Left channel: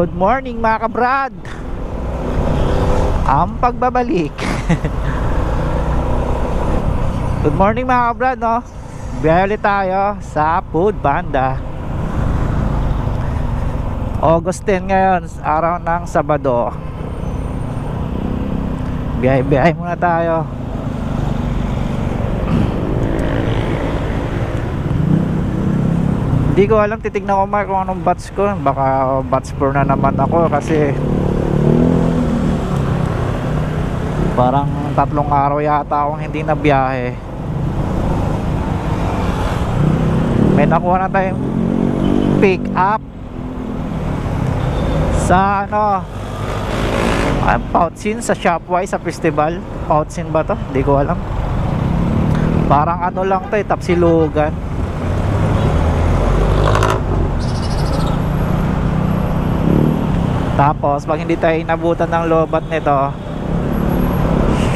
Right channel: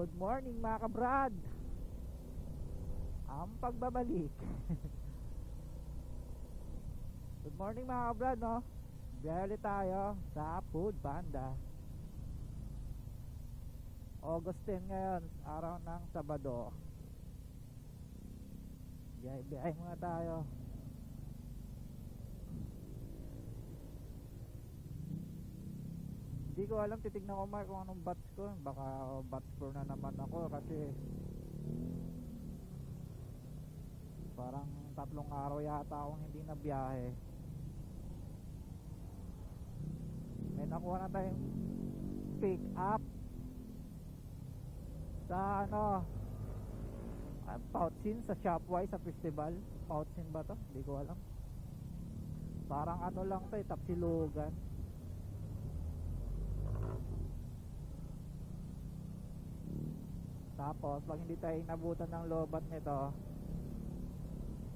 Good morning mga kabrad. Ang pagbabalik. Good morning mga kabrad, no? Biyahe ulit tayo sa Food Panda. August 10 ngayon, araw ng Sabado. Biyahe muna tayo. Hindi ko alam, titignan ko kung anong batch ko. Baka batch 4 na naman ako kasi parang 3 araw yata akong hindi na biyahe. May nakuha na tayong pick up sa Pouchin sa Shopwise sa festival. Pouchin ba to? Hindi ko alam. Parang lang to, Tapsilugan. Tapos pag hindi tayo inabutan ng lobat nito,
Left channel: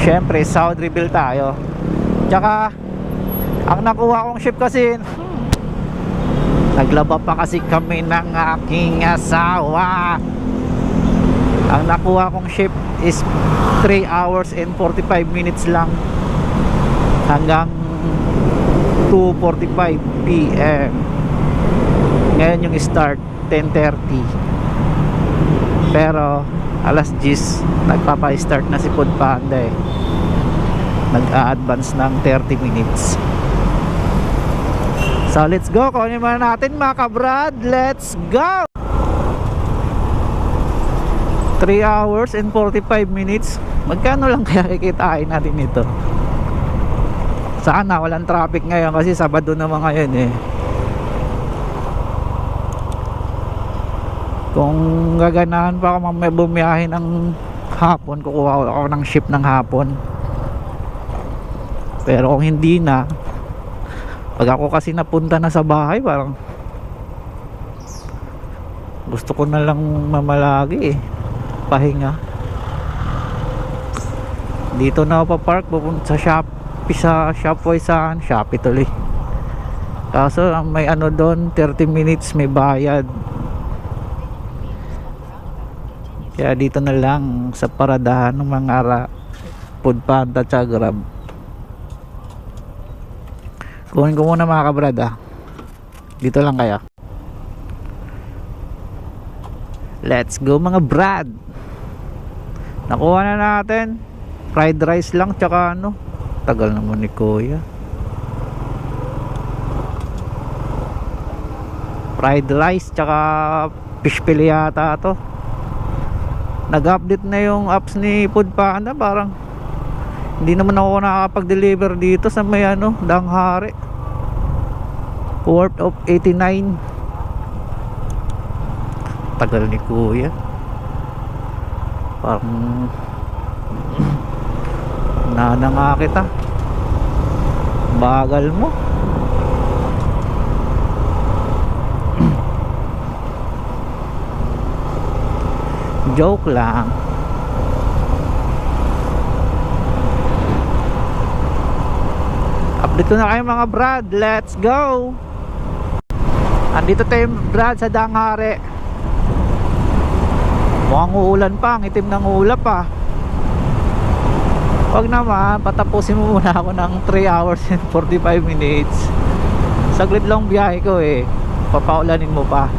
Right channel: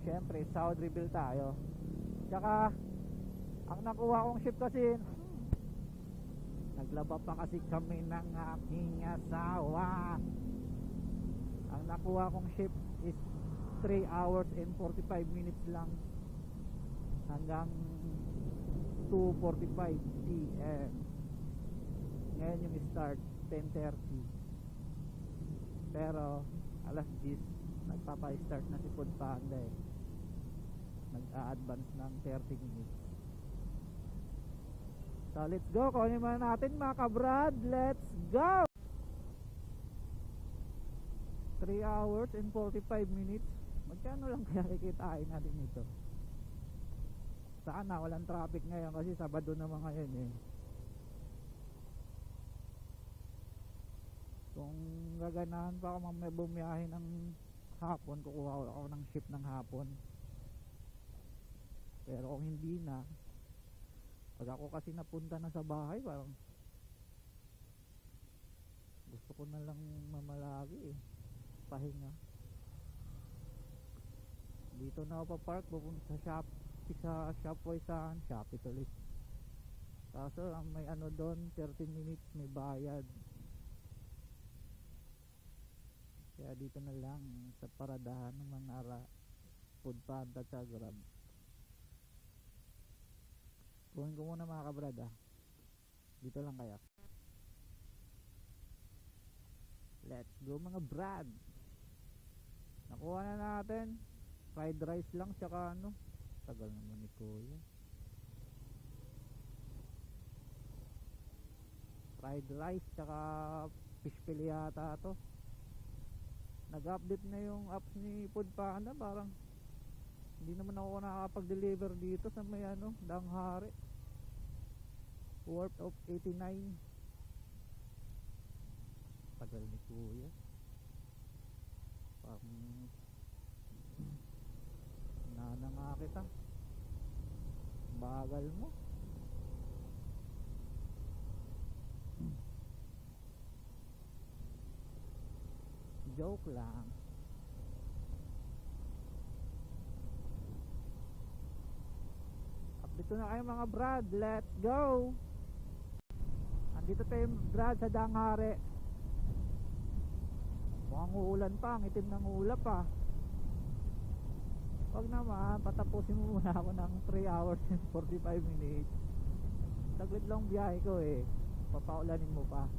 syempre South Reveal tayo. Tsaka ang nakuha kong ship kasi naglaba pa kasi kami ng aking asawa. Ang nakuha kong ship is 3 hours and 45 minutes lang hanggang 2:45 PM. Ngayon yung start 10:30. Pero alas 10 nagpapa-start na si Food Panda eh. Nag-a-advance ng 30 minutes. So let's go. Kunin muna natin mga kabrad. Let's go. 3 hours and 45 minutes. Magkano lang kaya kikitain natin ito? Sana walang traffic ngayon kasi Sabado naman ngayon eh. Kung gaganahan pa ako bumiyahe ng hapon, kukuha ako ng ship ng hapon. Pero kung hindi na, pag ako kasi napunta na sa bahay, parang gusto ko na lang mamalagi eh, pahinga. Dito na ako pa-park, pupunta sa Shopwise sa Shopee tuloy. Kaso may doon, 30 minutes may bayad. Kaya dito na lang sa paradahan ng mga Food Panda at Grab. Kunin ko muna mga kabrad Dito lang kaya. Let's go mga brad. Nakuha na natin. Fried rice lang tsaka tagal naman ni Kuya. Fried rice tsaka fish fillet yata to. Nag-update na yung apps ni Food Panda. Parang hindi naman ako nakakapag-deliver dito sa may Danghari. Worth of 89. Tagal ni Kuya. Parang nana nga kita. Bagal mo. Joke lang. Update ko na kayo mga brad. Let's go. Andito tayo brad sa Danghari. Mukhang uulan pa. Ang itim ng ulap pa. Wag naman, patapusin mo muna ako ng 3 hours and 45 minutes. Saglit lang biyahe ko eh. Papaulanin mo pa.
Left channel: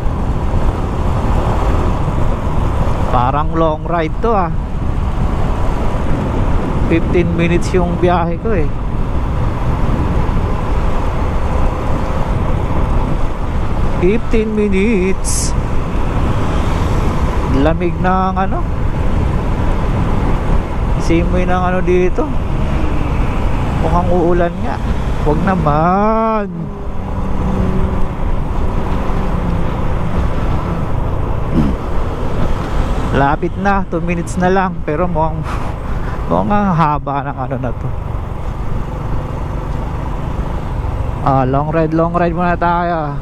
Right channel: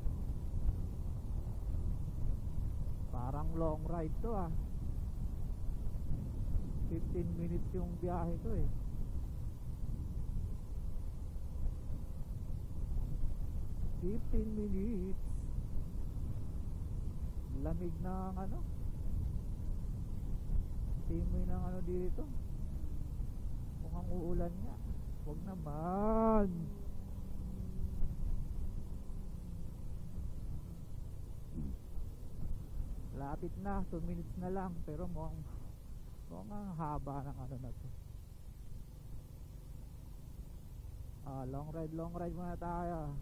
Parang long ride to 15 minutes yung biyahe ko eh. $15 minutes. Lamig ng simoy ng dito. Mukhang uulan nga. Huwag naman. Lapit na, 2 minutes na lang. Pero mukhang ang haba ng na to. Long ride muna tayo.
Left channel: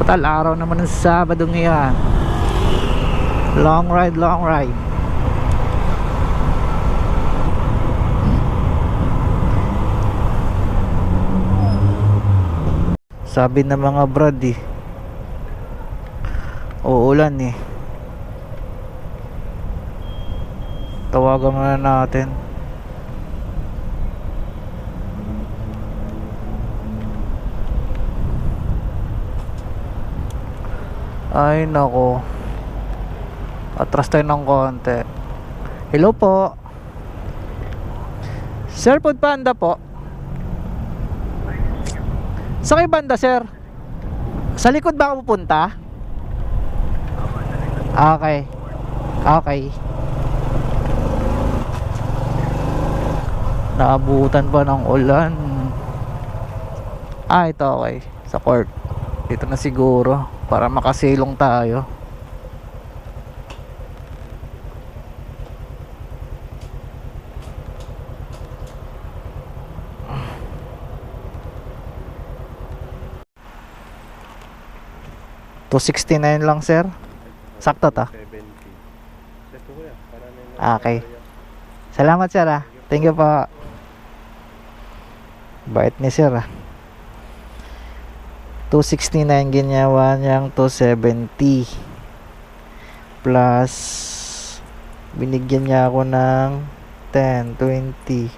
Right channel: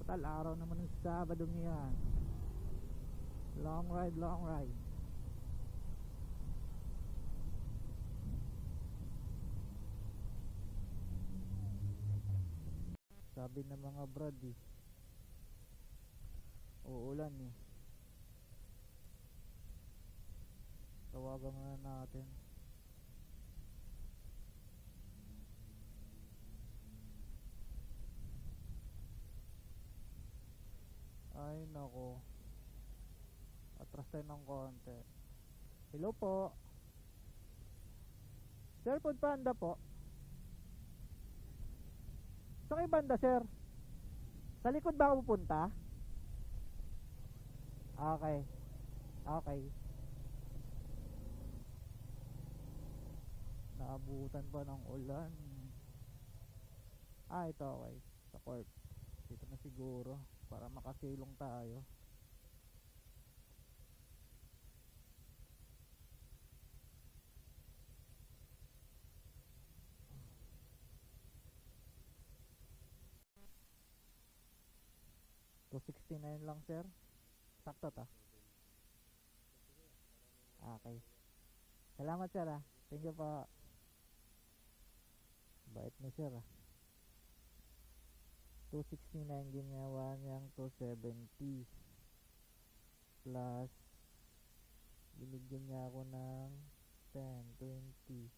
Total araw naman ng Sabado ngayon. Long ride. Sabi ng mga brad umuulan eh. Tawagan muna natin. Ay nako, atras tayo ng konti. Hello po Sir, Food Panda po. Sa kay banda sir? Sa likod ba ako pupunta? Okay. Okay. Naabutan pa ng ulan. Ito okay. Sa court. Dito na siguro para makasilong tayo. $269 lang sir. Sakto ta. Okay. Salamat sir ah. Thank you po. Bait ni sir ah. 269 ginawa niyang 270 plus binigyan niya ako ng 10, 20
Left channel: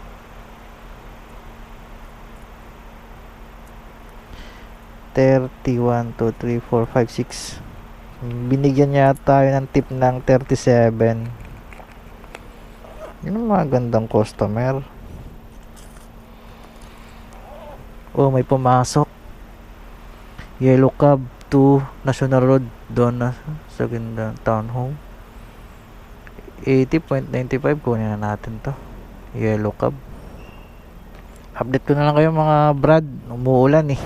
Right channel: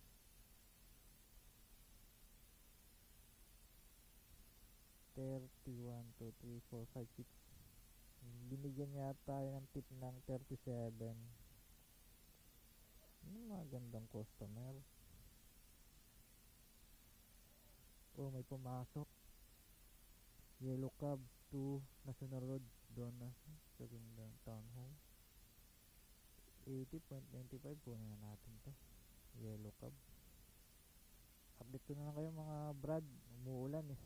31, 2, 3, 4, 5, 6. Binigyan niya tayo ng tip ng 37. Yun ang magandang customer. Oh, may pumasok. Yellow Cab to National Road, doon na sa ganda townhome. 80.95, kunin na natin to. Yellow Cab. Update ko na lang kayo mga brad. Umuulan eh.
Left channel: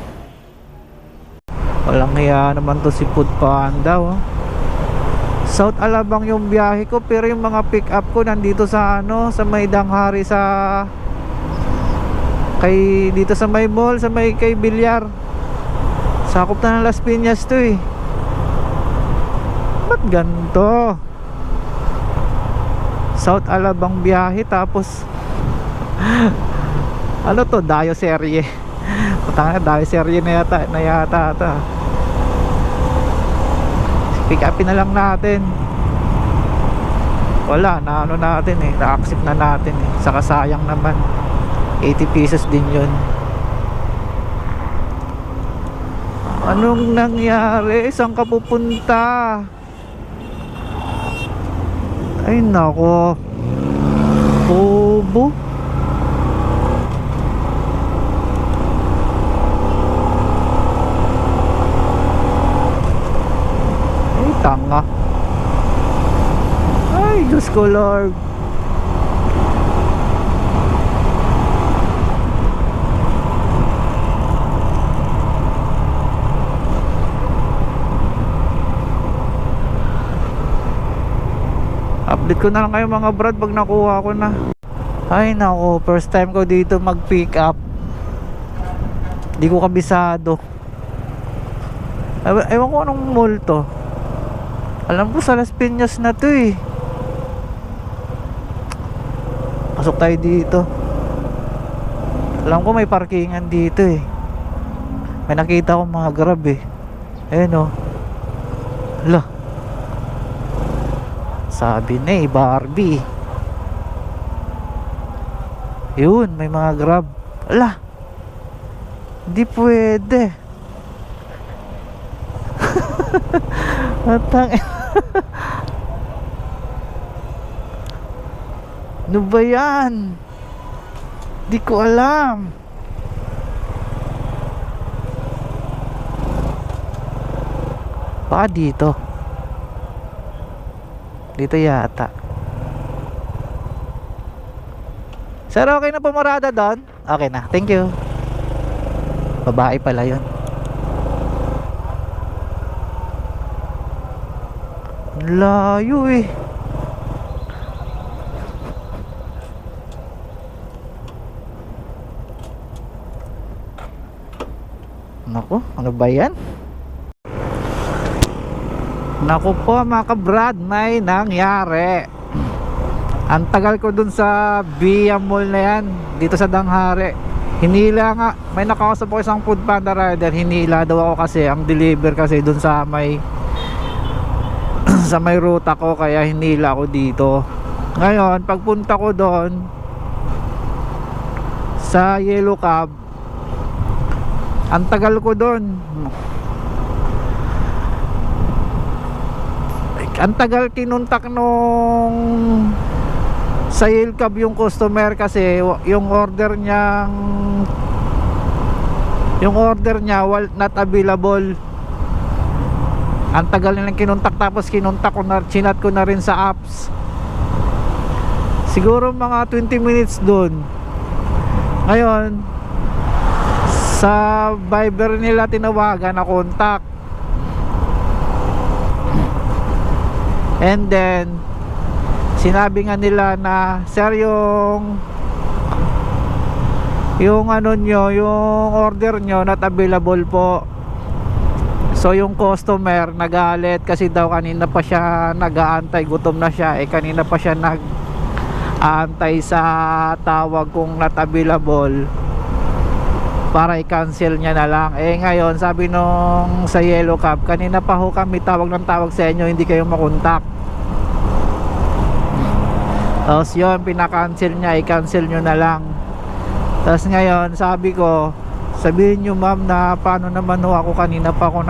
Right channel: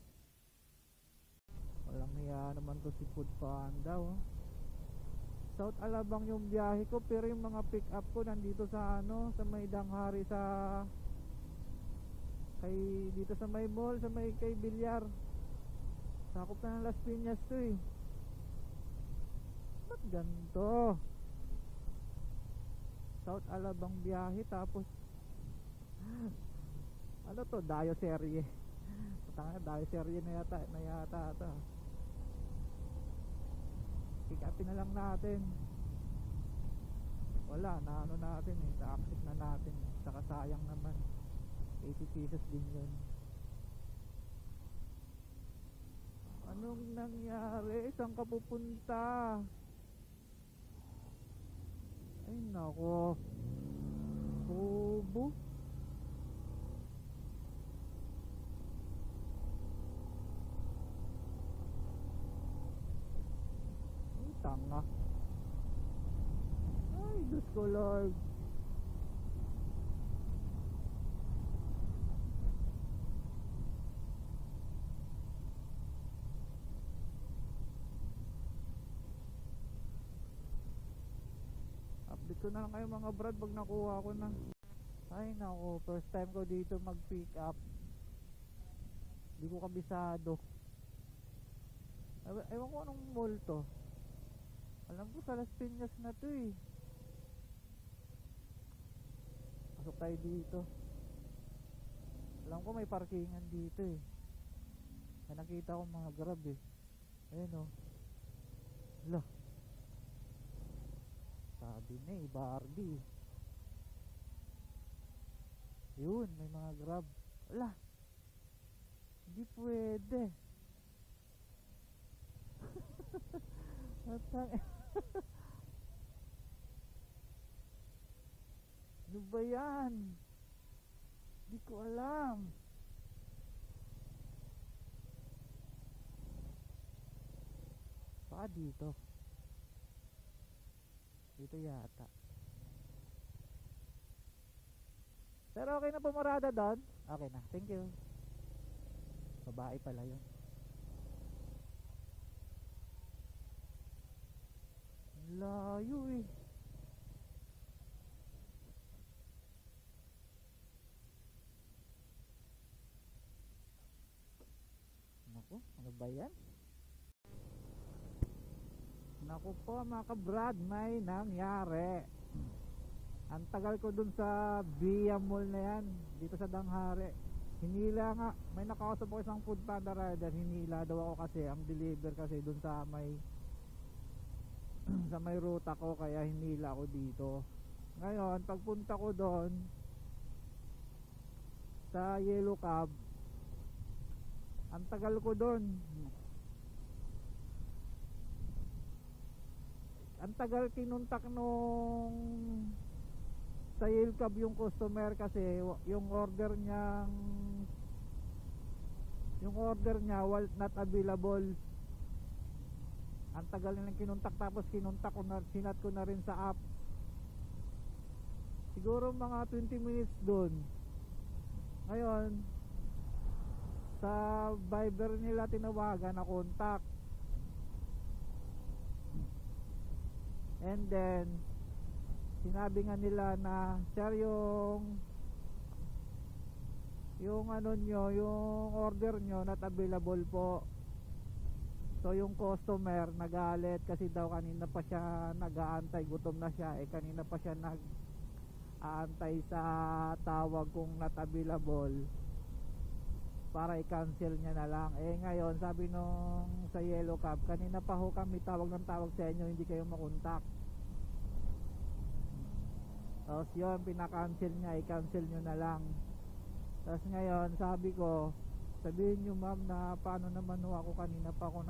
Walang hiya naman to si Food Panda oh. South Alabang yung biyahe ko, pero yung mga pick up ko nandito sa ano, sa may Danghari, sa kay dito sa may mall, sa may kay Bilyar. Sakop na ng Las Piñas to eh. Ba't ganito? South Alabang biyahe tapos ano to, Dayo serye. Patanga, Dayo serye na yata ata. Pick upin na lang natin. Wala, na ano natin eh, na-accept na natin eh. Saka sayang naman, 80 pesos din yun. Anong nangyari? Saan ka pupunta? Ay nako, bobo. Ay tanga. Ay Diyos ko Lord. Update ko na lang kayo mga brad pag nakuha ko na. Ay nako, first time ko dito mag pick up. Di ko kabisado. Ewan ko anong mall to. Alam ko sa Las Piñas na to eh. Pasok tayo dito. Alam ko may parkingan dito eh. May nakita ko mga grab eh. Ayun oh. Hala, sabi na eh, Barbie. Yun, may mga grab. Ala, hindi pwede. Atang ano ba yan? Di ko alam. Baka dito. Dito yata. Sir, okay na pumarada doon? Okay na, thank you. Babae pala yun. Layo eh. Naku, ano ba yan? Naku po mga kabrad, may nangyari. Ang tagal ko dun sa Via Mall na yan, dito sa Danghari. Hinila nga, may nakausap ko isang Food Panda rider. Hinila daw ako kasi, ang deliver kasi dun sa may sa may ruta ko, kaya hinila ako dito. Ngayon pagpunta ko doon sa Yellow Cab, ang tagal ko doon. Ang tagal kinuntak nung sa Yellow Cab yung customer, kasi yung order niya not available. Ang tagal nilang kinuntak, tapos kinuntak ko na, chinat ko na rin sa apps. Siguro mga 20 minutes dun. Ngayon sa Viber nila tinawagan na contact, and then sinabi nga nila na, sir, yung ano nyo, yung order nyo not available po. So yung customer nagalit kasi daw kanina pa siya nag-aantay, gutom na siya, kanina pa siya nag-aantay sa tawag kung not available para i-cancel niya na lang. Ngayon sabi nung sa Yellow Cab, kanina pa ho kami tawag ng tawag sa inyo, hindi kayo makontak. Tapos yun, pinakancel niya, i-cancel nyo na lang. Tapos ngayon sabi ko, sabihin nyo ma'am na paano naman ho, ako kanina pa ako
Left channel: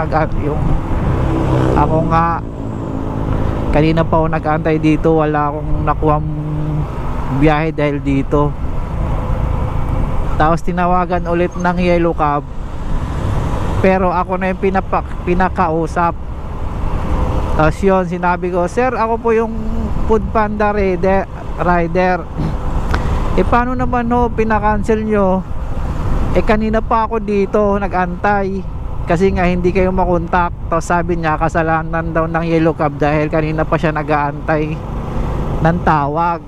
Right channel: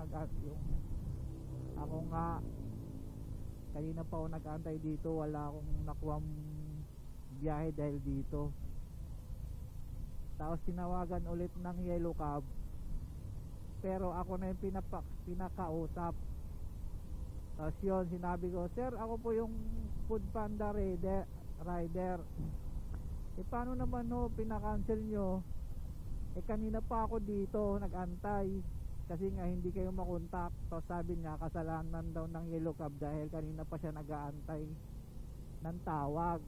kanina pa ako nag-antay dito, wala akong nakuhang biyahe dahil dito. Tapos tinawagan ulit ng Yellow Cab, pero ako na yung pinakausap. Tapos yun, sinabi ko, sir, ako po yung Foodpanda rider. Paano naman ho pinakancel nyo? Kanina pa ako dito nag-antay kasi nga hindi kayo makontak. Tapos sabi niya kasalanan daw ng Yellow Cab dahil kanina pa siya nag-aantay ng tawag.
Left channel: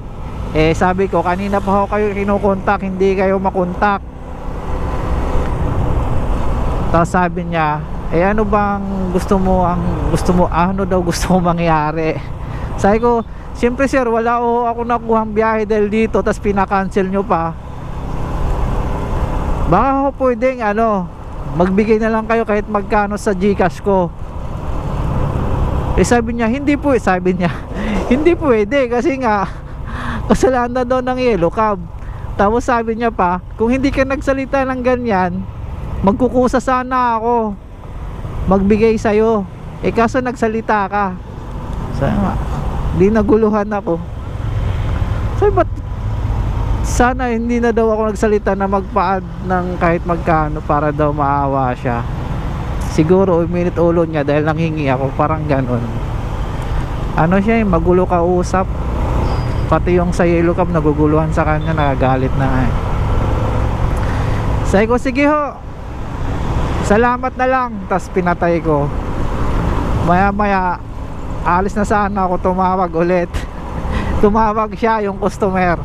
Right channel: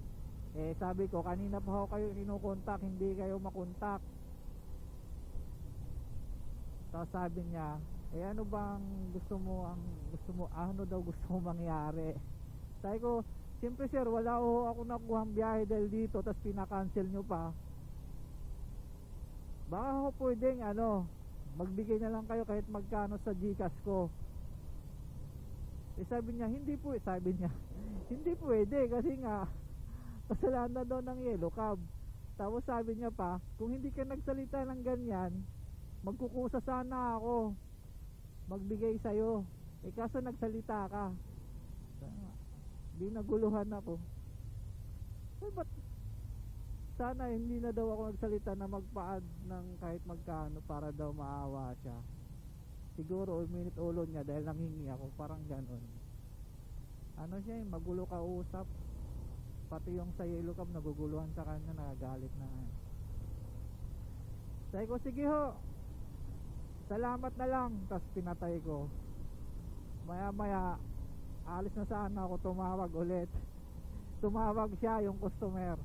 Sabi ko, kanina pa ako kayo kinukontak, hindi kayo makontak. Tapos sabi niya, ano bang gusto mo ano daw gusto mo mangyari? Sabi ko, siyempre sir, wala ako nakuhang biyahe dahil dito, tapos pinakancel nyo pa. Baka ako pwedeng magbigay na lang kayo kahit magkano sa GCash ko. Sabi niya, hindi pwede kasi nga kasalanan daw ng Yellow Cab. Tapos sabi niya pa, kung hindi ka nagsalita ng ganyan, magkukusa sana ako magbigay sa'yo. Kaso nagsalita ka. Sabi nga, di naguluhan ako. Sabi, ba't sana hindi na daw ako nagsalita na magpa-add ng kahit magkano para daw maawa siya. Siguro uminit ulo niya dahil nanghingi ako, parang ganon. Siya magulo kausap. Pati yung sa Yellow Cab naguguluhan sa kanya, nagagalit na Sabi ko, sige ho, salamat na lang. Tas pinatay ko. Maya maya alis na sana ako, tumawag ulit. Tumawag siya, yung customer,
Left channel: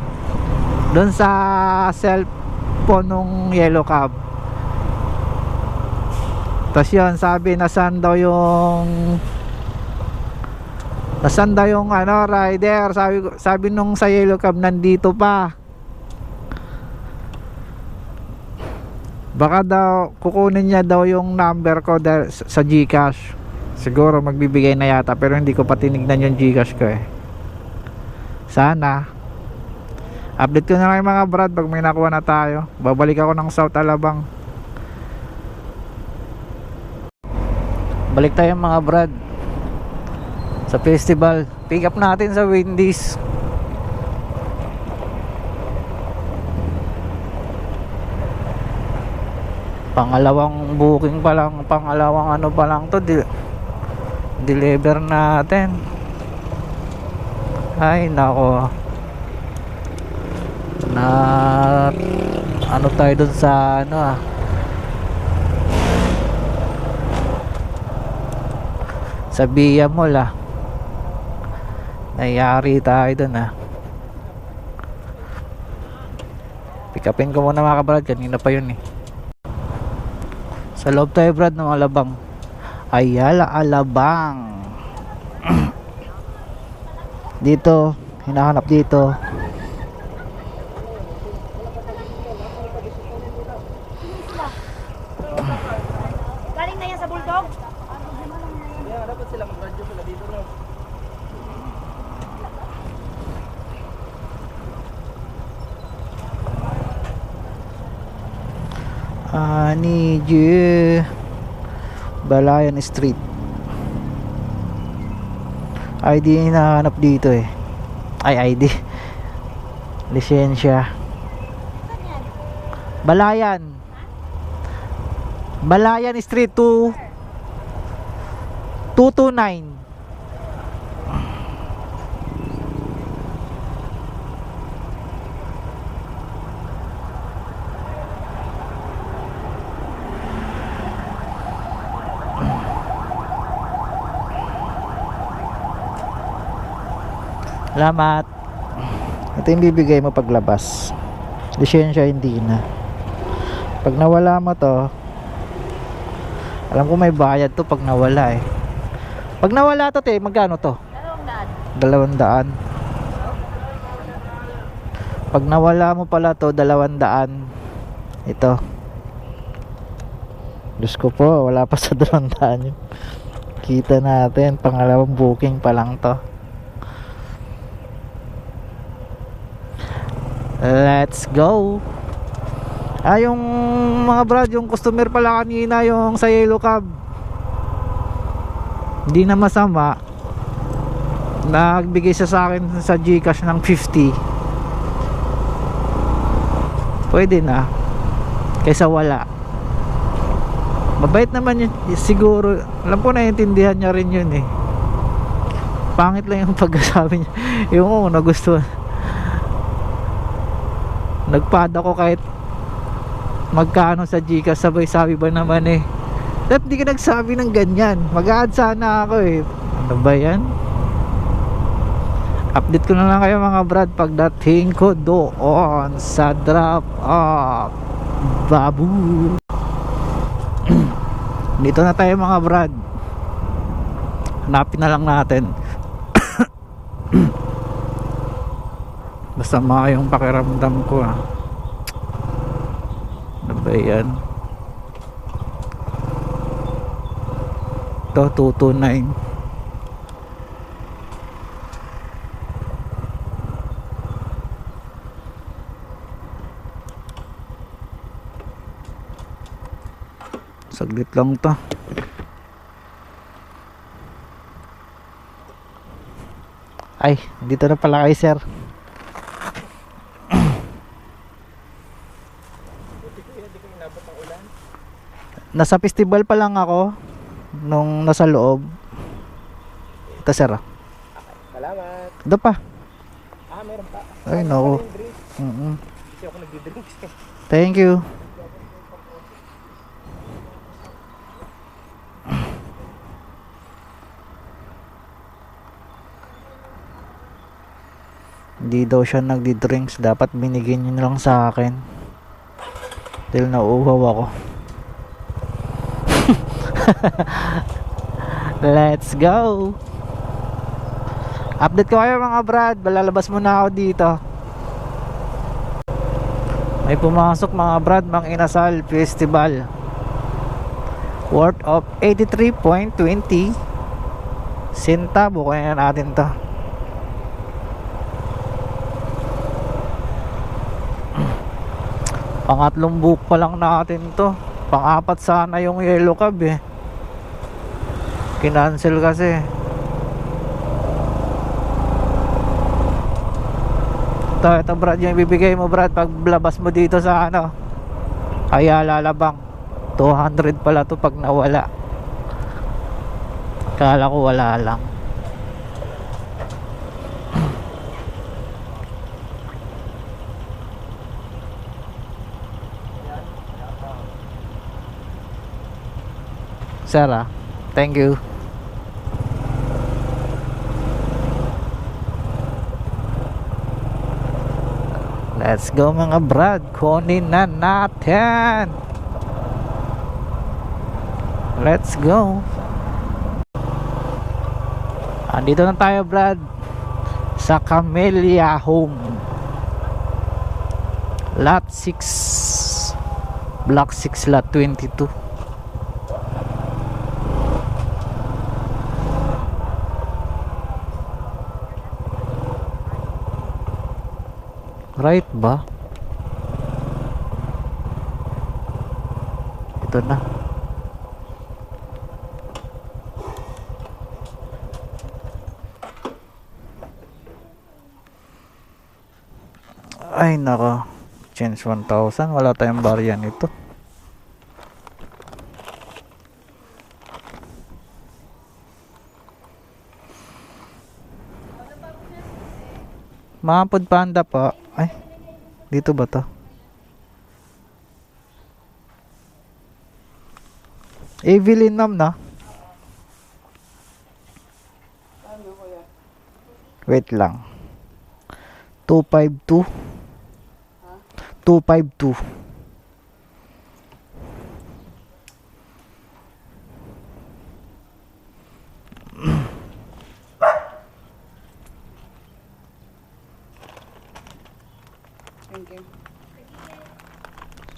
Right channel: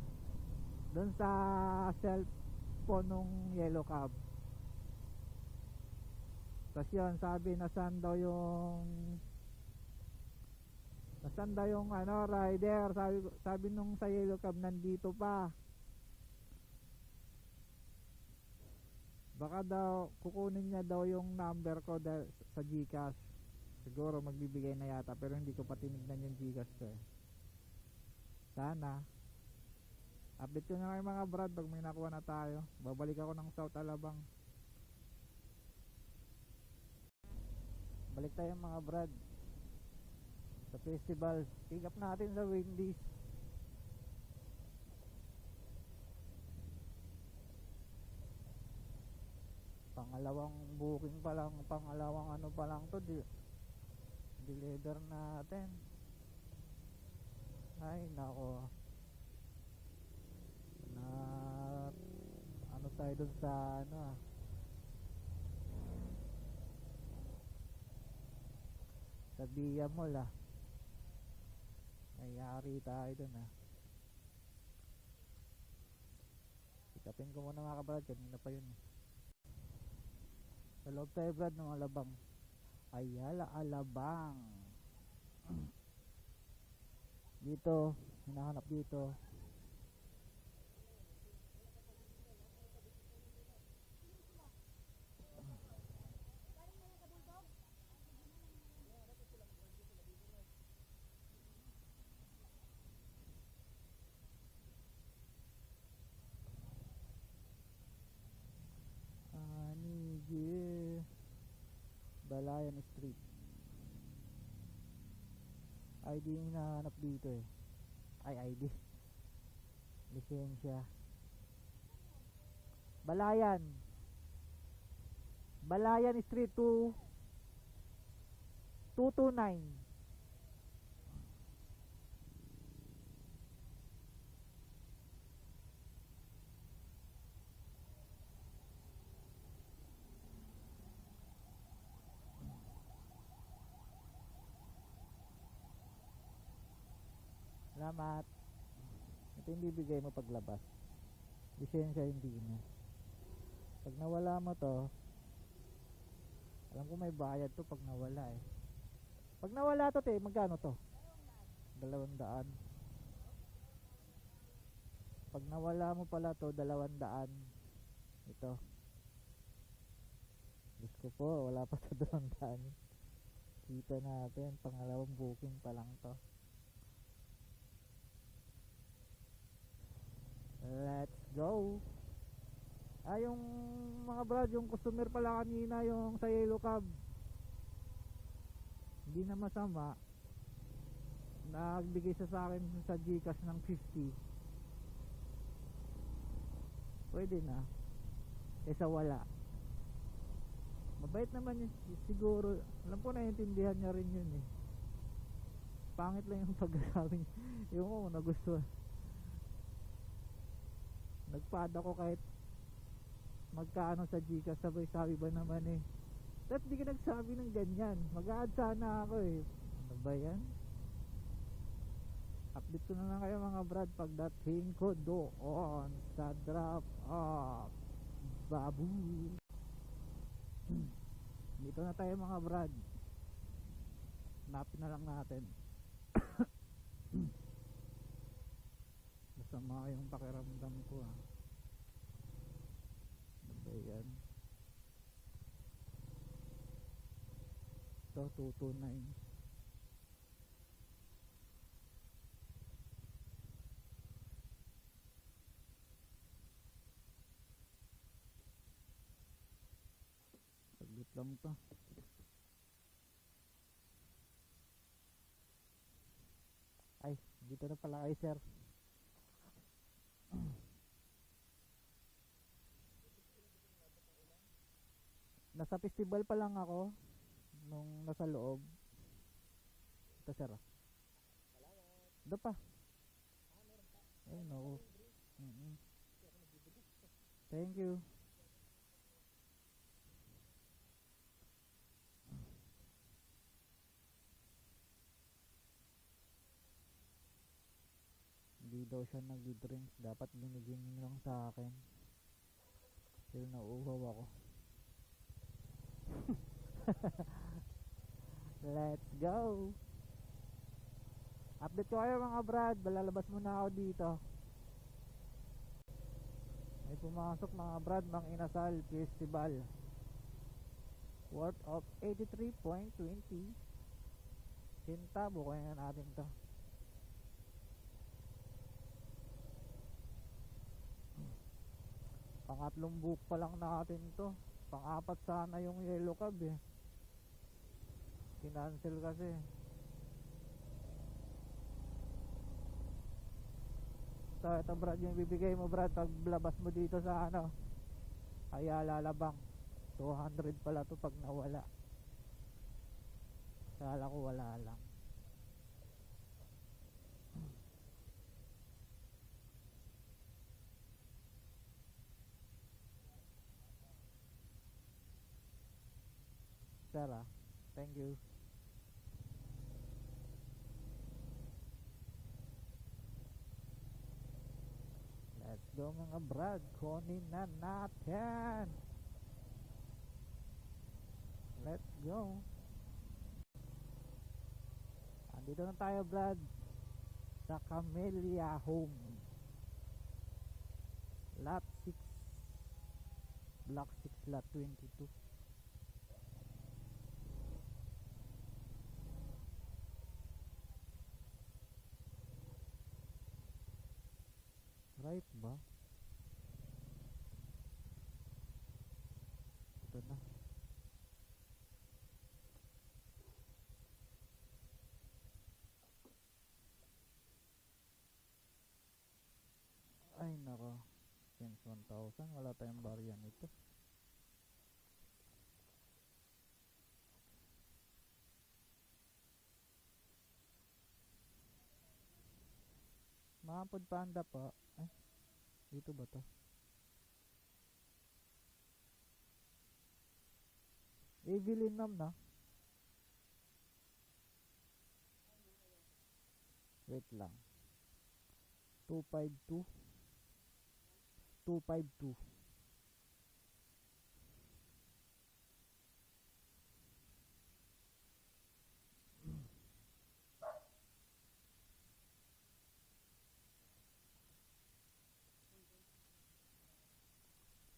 doon sa cellphone nung Yellow Cab. Tapos yun, sabi nasan daw yung rider. Sabi nung sa Yellow Cab, nandito pa. Baka daw kukunin niya daw yung number ko sa GCash. Siguro magbibigay na yata, pero hindi ko pa tinignan yung GCash ko Sana update ko na lang mga brad pag may nakuha na tayo. Babalik ako ng South Alabang. Balik tayo mga brad sa festival. Pick up natin sa Wendy's. Pangalawang booking pa lang, pangalawang pa lang to, deliver natin. Ay nako, na tayo dun sa sa Via Mall nayari tayo dun pick upin ko muna mga kabrad, kanina pa yun sa loob tayo brad ng Alabang, Ayala Alabang. Dito hinahanap dito galing na yan sa Bulldog. Yeah, dapat sila mag-radio sila dito, no? I need you. Balayan Street. ID hinahanap dito eh. Ay, ID. Lisensya. Balayan. Balayan Street 229. Salamat. Ito yung bibigay mo paglabas. Lisensya hindi na. Pag nawala mo to, alam ko may bayad to pag nawala eh. Pag nawala to te, magkano to? 200. Pag nawala mo pala to, 200. Ito. Diyos ko po, wala pa sa 200 yun. Kita natin, pangalawang booking pa lang to. Let's go. Yung mga brad, yung customer pala kanina, yung sa Yellow Cab, hindi na masama. Nagbigay siya sa akin sa GCash ng 50. Pwede na kaysa wala. Mabait naman yun siguro. Alam ko naiintindihan niya rin yun eh. Pangit lang yung pagkasabi niya. Yung nagustuhan. Nagpada ko kahit magkano sa GCash, sabay sabi ba naman eh, dapat di ka nagsabi ng ganyan, mag-a-add sana ako eh. Ano ba yan? Update ko na lang kayo mga brad pagdating ko doon sa drop off. Babu. Dito na tayo mga brad, hanapin na lang natin. Basta yung pakiramdam ko ah. Ano ba yan? Ito 229. Saglit lang to. Ay, dito na pala kayo sir. Nasa festival pa lang ako nung nasa loob. Ito sir. Salamat. Ito pa. Meron pa. Ay no. Kasi ako nagdi-drinks. Thank you. Hindi daw siya nagdi-drinks. Dapat binigyan niyo na lang sa akin. Dahil nauuhaw ako. Let's go. Update ko kayo mga brad. Balalabas muna ako dito. May pumasok mga brad, Mang Inasal Festival worth of 83.20 centavo. Kaya natin to. Pangatlong book pa lang natin to. Pang-apat sana yung Yellow Cab eh. Kinancel kasi. Ito brad, yung ibibigay mo brad pag labas mo dito sa ano, kaya lalabang 200 pala to pag nawala. Kala ko wala lang. Sarah, thank you. Let's go mga brad, kunin na natin. Let's go. Andito na tayo brad sa Camellia Home, lot 6, block 6, lot 22. Right ba? Ito na. Ay nako. Change 1000. Wala tayong barya nito. Mga Food Panda po. Ay, dito ba to? Evelyn ma'am na. Wait lang. 252. 252. Thank you.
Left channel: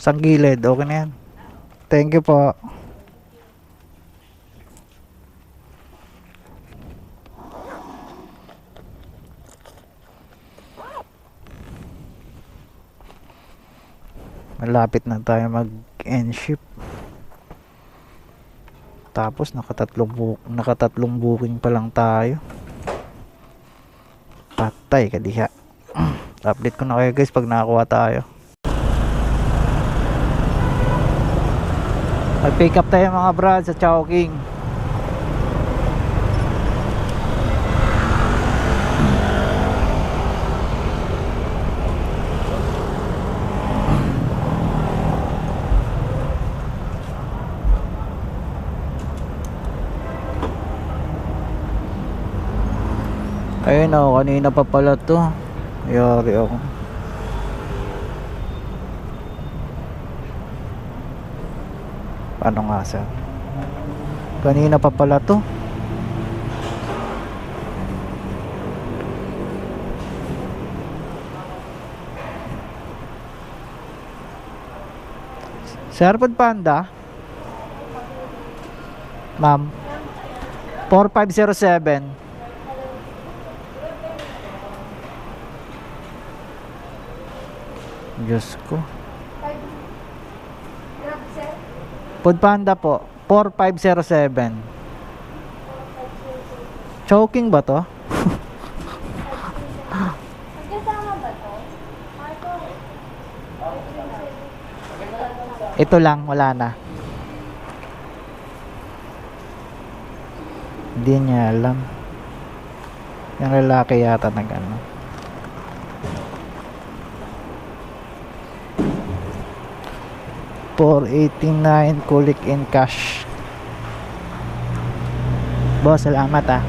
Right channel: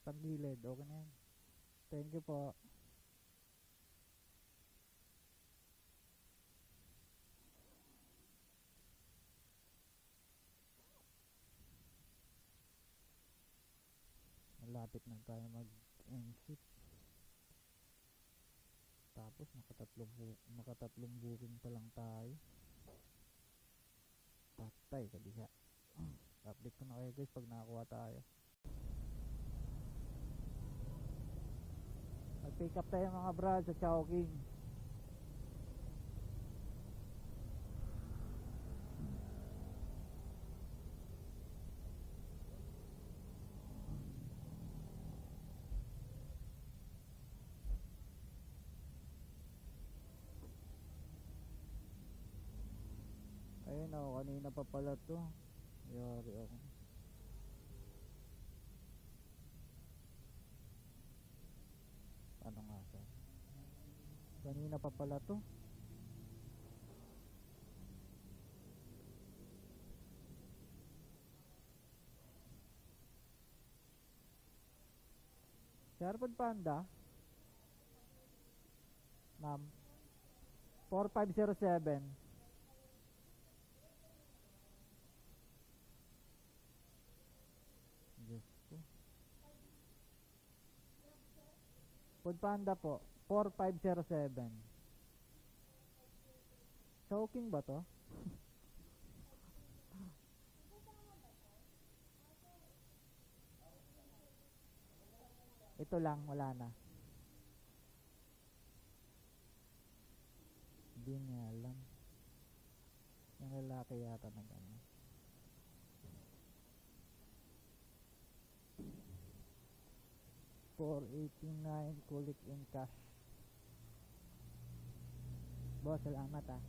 Isang gilid, okay na yan. Thank you po. Malapit na tayo mag-end ship. Tapos nakatatlong booking pa lang tayo. Patay kadiha. Update ko na kayo guys pag nakakuha tayo. Mag-pick up tayo mga brad sa Chowking. Ayun o, kanina pa pala to. Yari ako. Paano nga sir? Kanina pa pala to. Sir Food Panda? Ma'am 4507. Diyos ko. Food Panda po 4507. Choking ba to? Magkasama ba to? Ito lang, wala na. Hindi niya alam. Yung lalaki yata nag ano. $489 kulik in cash. Boss, salamat ah.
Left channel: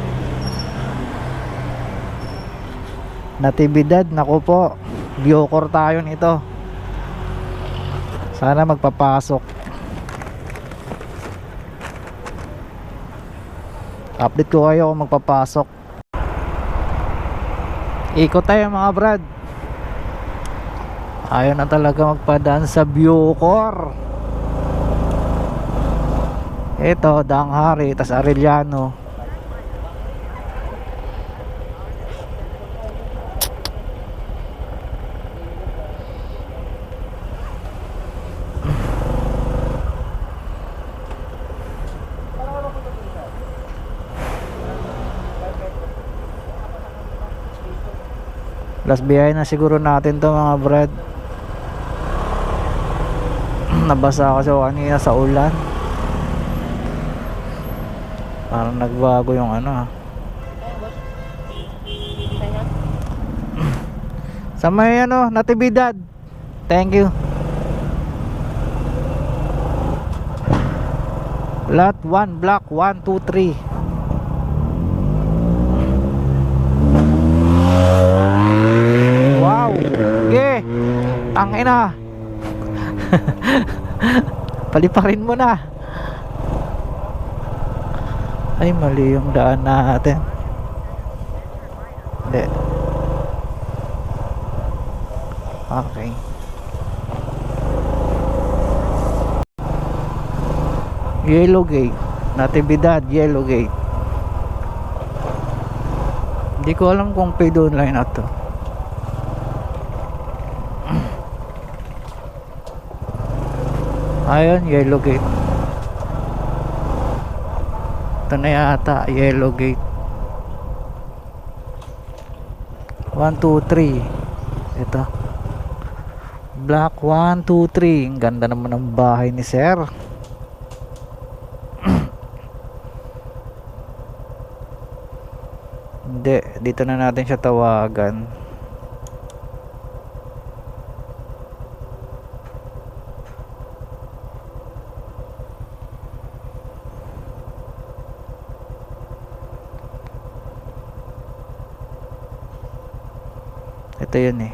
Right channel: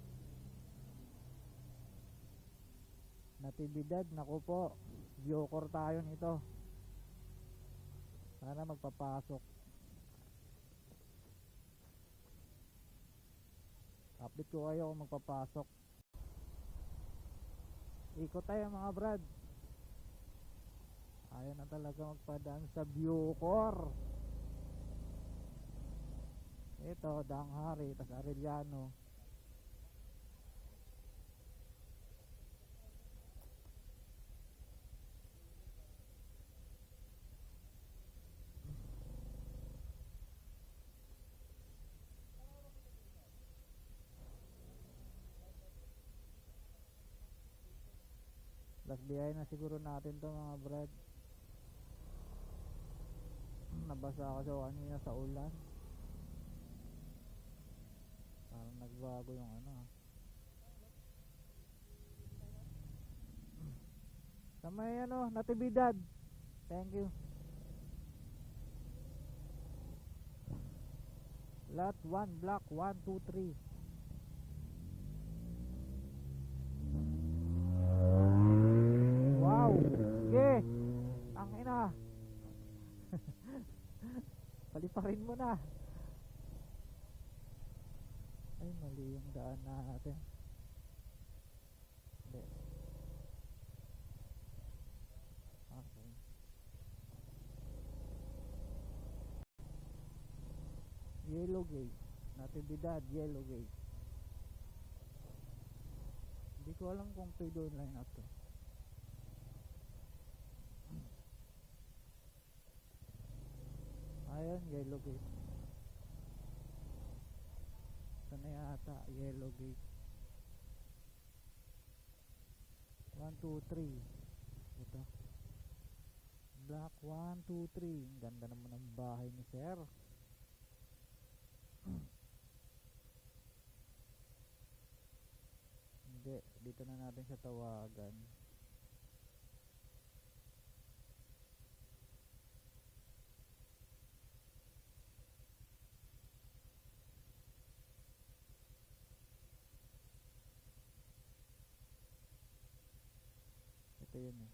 Natividad, naku po. Biokor tayo nito. Sana magpapasok. Update ko kayo kung magpapasok. Ikot tayo mga brad. Ayaw na talaga magpadaan sa Biocor. Ito, Danghari, tas Arellano. Last biyahe na siguro natin to mga brad. Nabasa kasi ako kanina sa ulan. Parang nagbago yung ano. Sa may ano, Natividad. Thank you. Lot 1, block 1, 2, 3. Wow. Okay. Tangina. Paliparin mo na. Ay, mali yung daan natin. Hindi. Okay. Yellow Gate. Natividad, Yellow Gate. Hindi ko alam kung paid online na to. Ayun, yellow gate. Ito na yata, yellow gate. 1, 2, 3. Ito. Block 1, 2, 3. Ang ganda naman ng bahay ni sir. Hindi, dito na natin siya tawagan. Ito yun eh.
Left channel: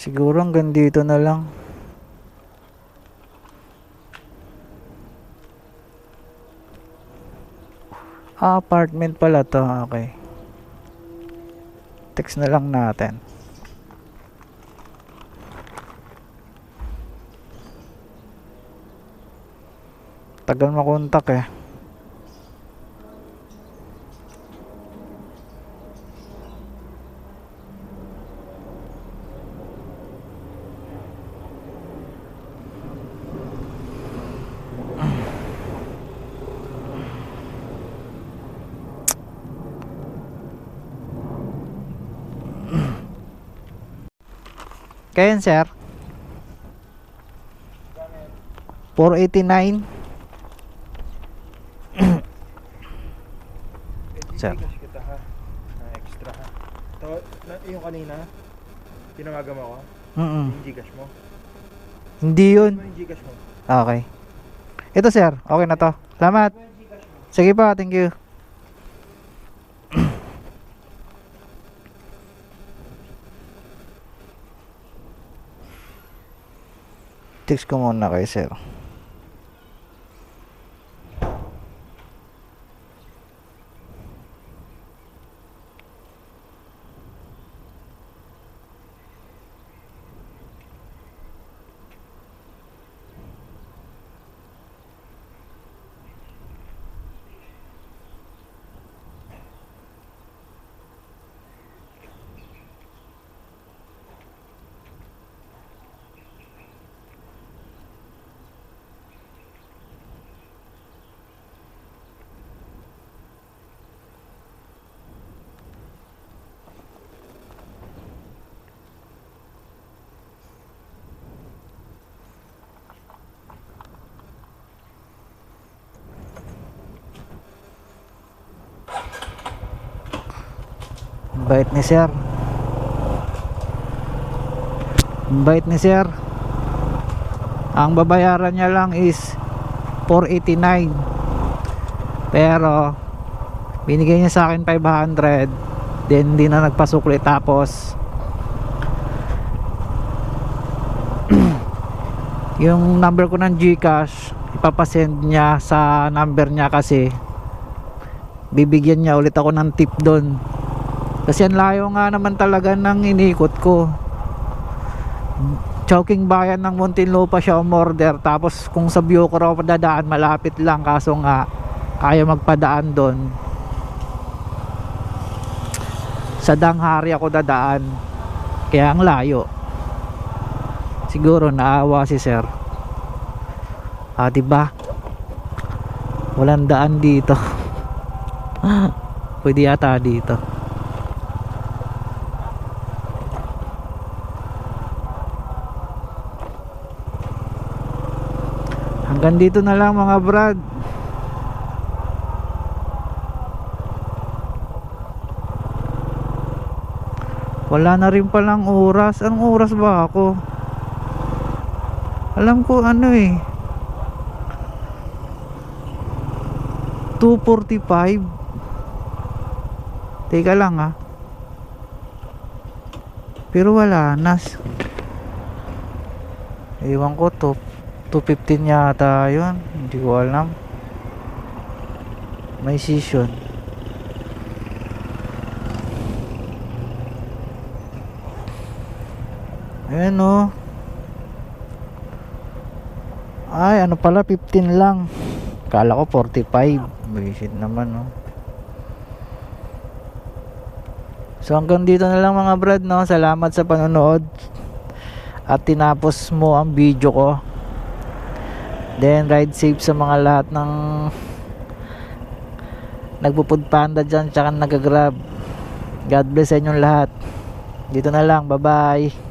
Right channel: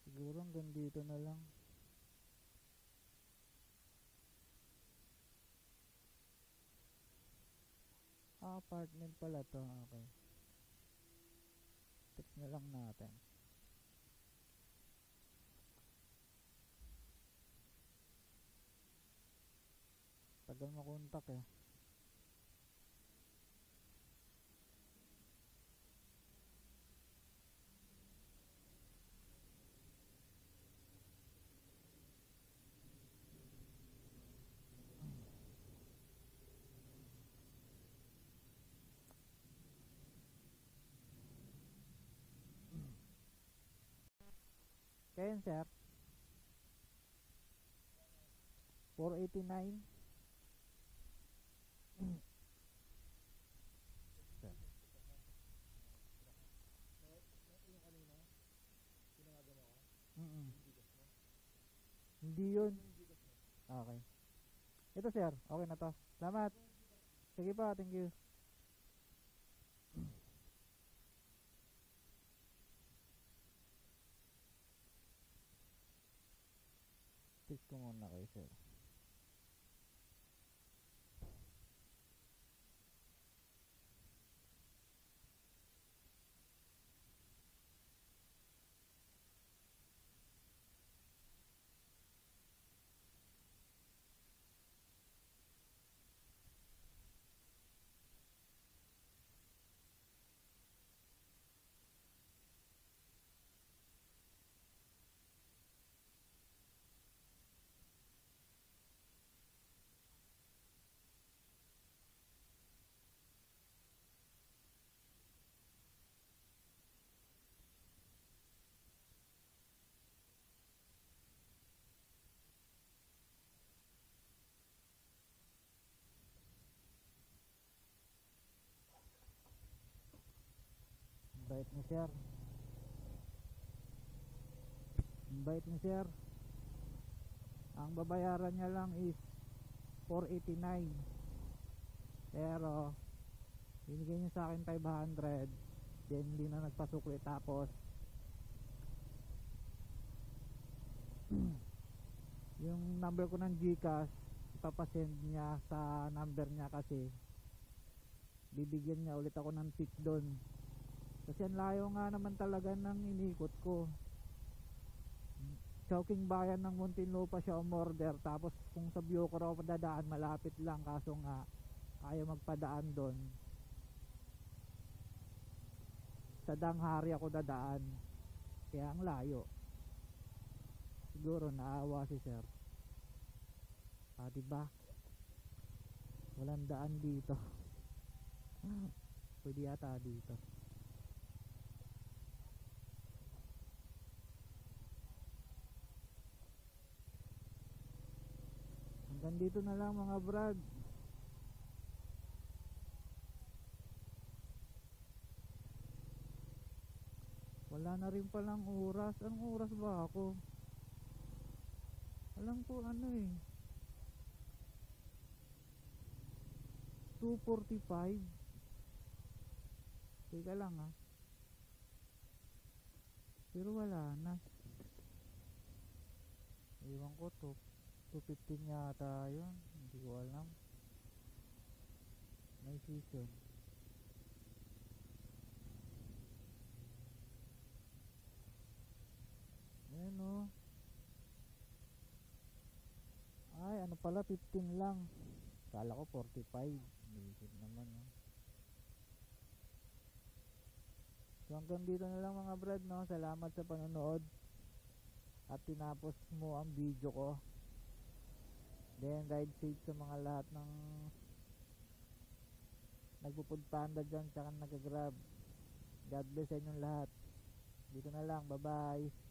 Siguro hanggang dito na lang. Apartment pala to. Okay. Text na lang natin. Tagal makontak eh. Kaya yan, sir. 489. Sir. Gcash kita ha. Na extra ha. Yung kanina, tinawagan mo ako. Yung Gcash mo. Hindi yun. Ano yung Gcash mo? Okay. Ito sir, okay na to. Salamat. Sige pa, thank you. Text ko muna kay sir. Bait ni sir. Bait ni sir. Ang babayaran niya lang is 489. Pero binigay niya sa akin 500. Then hindi na nagpasukli. Tapos yung number ko ng GCash ipapasend niya sa number niya kasi bibigyan niya ulit ako ng tip doon. Kasi ang layo nga naman talaga ng inikot ko. Chowking bayan ng Muntinlupa siya umorder. Tapos kung sa Bioko raw padadaan, malapit lang. Kaso nga ayaw magpadaan doon. Sa Danghari ako dadaan. Kaya ang layo. Siguro naawa si sir. Diba? Walang daan dito. Pwede yata dito. Hanggang dito na lang mga brad. Wala na rin palang oras. Anong oras ba ako? Alam ko ano eh 2:45. Teka lang ha. Pero wala nas. Ewan ko to 2:15 yata yun. Hindi ko alam. May session. Ayan o. Ay, ano pala, 15 lang. Kala ko 45. Visit naman, no. So hanggang dito na lang mga brad, no. Salamat sa panonood. At tinapos mo ang video ko. Then ride safe sa mga lahat ng nagpo-food panda dyan, tsaka nagagrab. God bless sa inyong lahat. Dito na lang, bye bye.